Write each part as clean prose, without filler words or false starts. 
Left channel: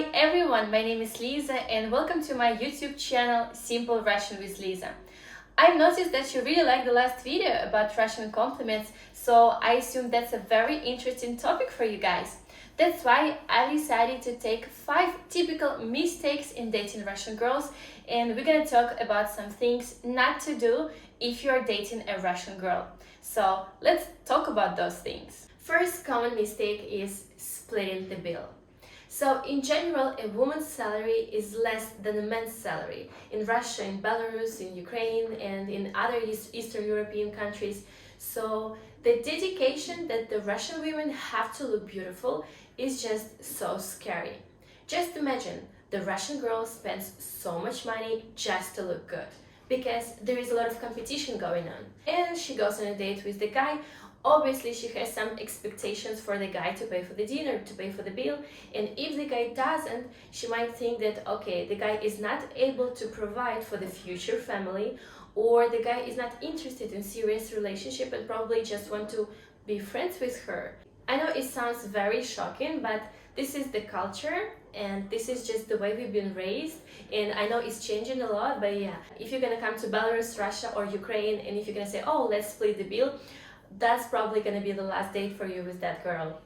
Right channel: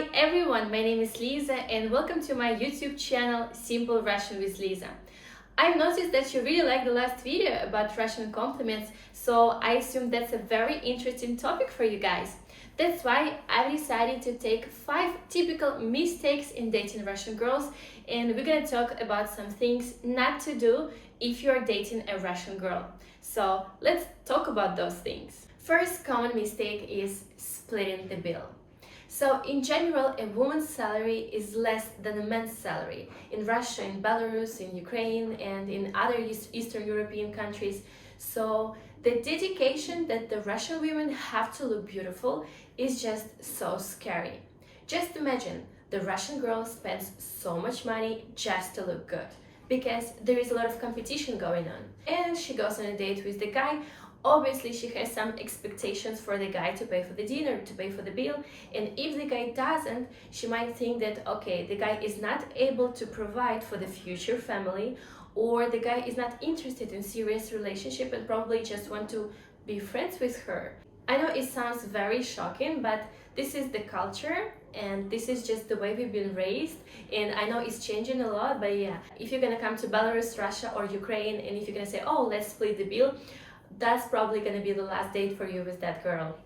Hi everyone, my name is Lisa and welcome to my YouTube channel Simple Russian with Lisa. I've noticed that you really liked the last video about Russian compliments, so I assume that's a very interesting topic for you guys. That's why I decided to take 5 typical mistakes in dating Russian girls, and we're gonna talk about some things not to do if you're dating a Russian girl. So let's talk about those things. First common mistake is splitting the bill. So in general, a woman's salary is less than a man's salary. In Russia, in Belarus, in Ukraine, and in other Eastern European countries. So the dedication that the Russian women have to look beautiful is just so scary. Just imagine, the Russian girl spends so much money just to look good, because there is a lot of competition going on. And she goes on a date with the guy. Obviously, she has some expectations for the guy to pay for the dinner, to pay for the bill, and if the guy doesn't, she might think that, okay, the guy is not able to provide for the future family, or the guy is not interested in serious relationship and probably just want to be friends with her. I know it sounds very shocking, but this is the culture and this is just the way we've been raised, and I know it's changing a lot, but yeah, if you're gonna come to Belarus, Russia, or Ukraine, and if you're gonna say, oh, let's split the bill, that's probably gonna be the last date for you with that girl.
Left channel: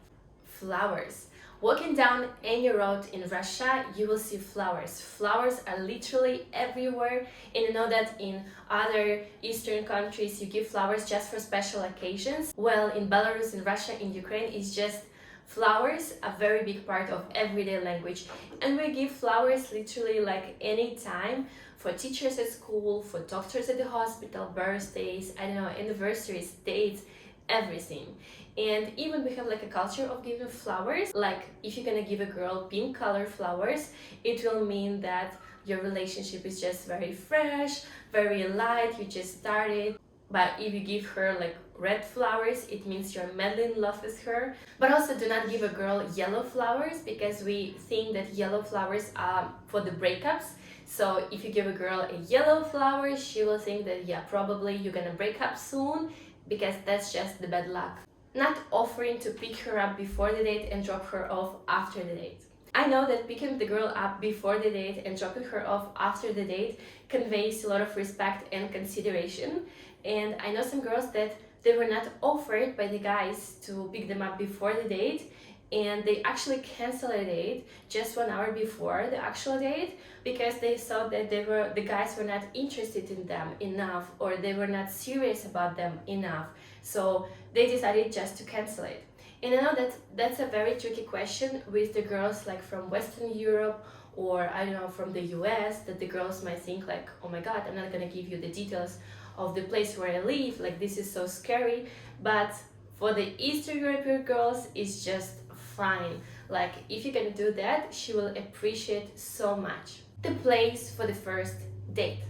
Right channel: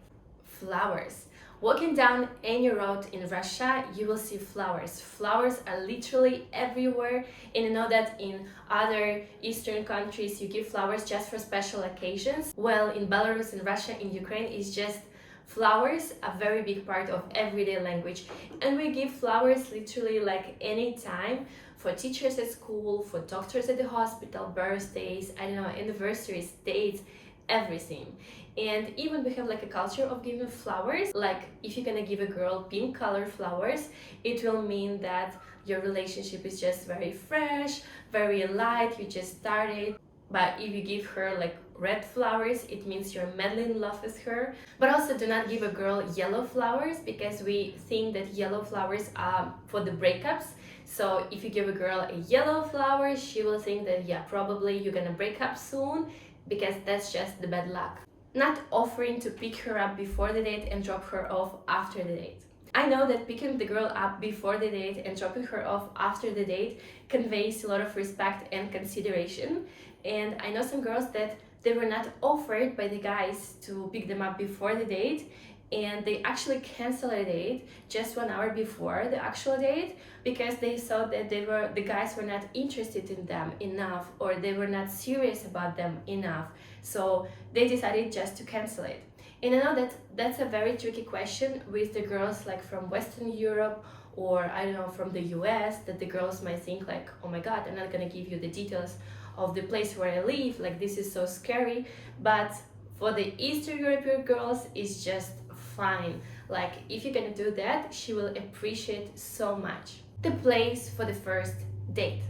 Flowers. Walking down any road in Russia, you will see flowers. Flowers are literally everywhere, and I know that in other Eastern countries you give flowers just for special occasions. Well, in Belarus, in Russia, in Ukraine, it's just flowers, a very big part of everyday language, and we give flowers literally like any time, for teachers at school, for doctors at the hospital, birthdays, I don't know, anniversaries, dates, everything. And even we have like a culture of giving flowers. Like if you're gonna give a girl pink color flowers, it will mean that your relationship is just very fresh, very light, you just started. But if you give her like red flowers, it means you're madly in love with her. But also do not give a girl yellow flowers, because we think that yellow flowers are for the breakups. So if you give a girl a yellow flower, she will think that, yeah, probably you're gonna break up soon, because that's just the bad luck. Not offering to pick her up before the date and drop her off after the date. I know that picking the girl up before the date and dropping her off after the date conveys a lot of respect and consideration. And I know some girls that they were not offered by the guys to pick them up before the date, and they actually cancel a date just 1 hour before the actual date, because they thought that the guys were not interested in them enough, or they were not serious about them enough, so they decided just to cancel it. And I know that that's a very tricky question with the girls like from Western Europe, or I don't know, from the US, that the girls might think like, oh my god, I'm not gonna give you the details of the place where I live, like this is so scary. But for the Eastern European girls, it's just fine. Like if you're gonna do that, she will appreciate so much. The place for the first date.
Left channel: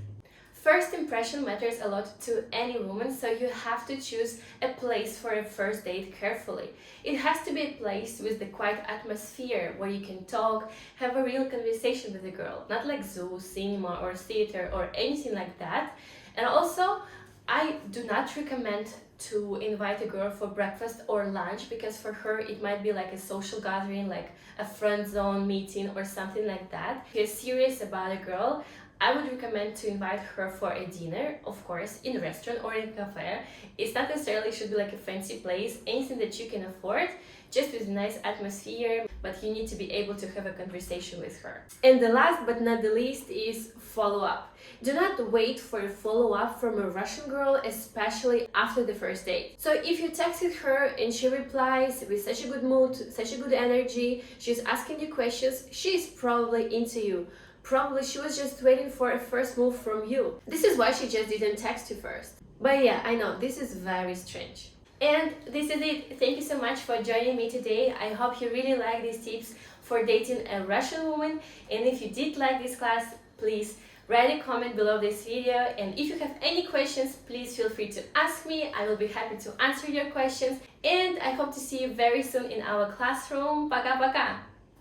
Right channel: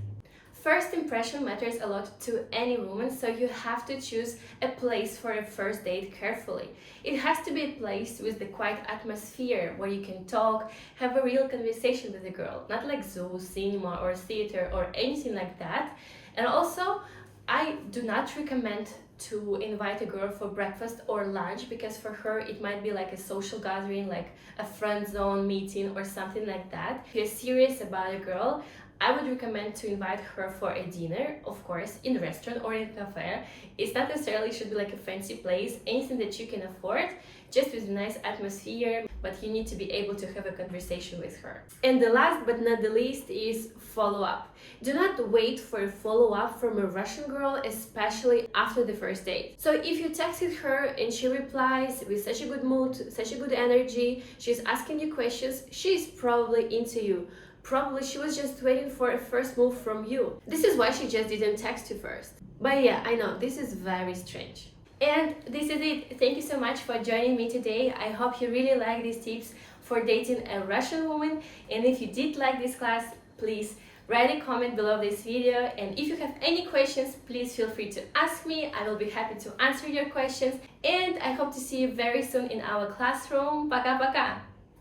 First impression matters a lot to any woman, so you have to choose a place for a first date carefully. It has to be a place with the quiet atmosphere where you can talk, have a real conversation with the girl, not like zoo, cinema, or theater, or anything like that. And also, I do not recommend to invite a girl for breakfast or lunch, because for her it might be like a social gathering, like a friend zone meeting or something like that. If you're serious about a girl, I would recommend to invite her for a dinner, of course, in a restaurant or in a cafe. It's not necessarily should be like a fancy place, anything that you can afford, just with a nice atmosphere, but you need to be able to have a conversation with her. And the last but not the least is follow-up. Do not wait for a follow-up from a Russian girl, especially after the first date. So if you texted her and she replies with such a good mood, such a good energy, she's asking you questions, she's probably into you. Probably she was just waiting for a first move from you. This is why she just didn't text you first. But yeah, I know, this is very strange. And this is it. Thank you so much for joining me today. I hope you really like these tips for dating a Russian woman. And if you did like this class, please write a comment below this video. And if you have any questions, please feel free to ask me. I will be happy to answer your questions. And I hope to see you very soon in our classroom. Пока-пока!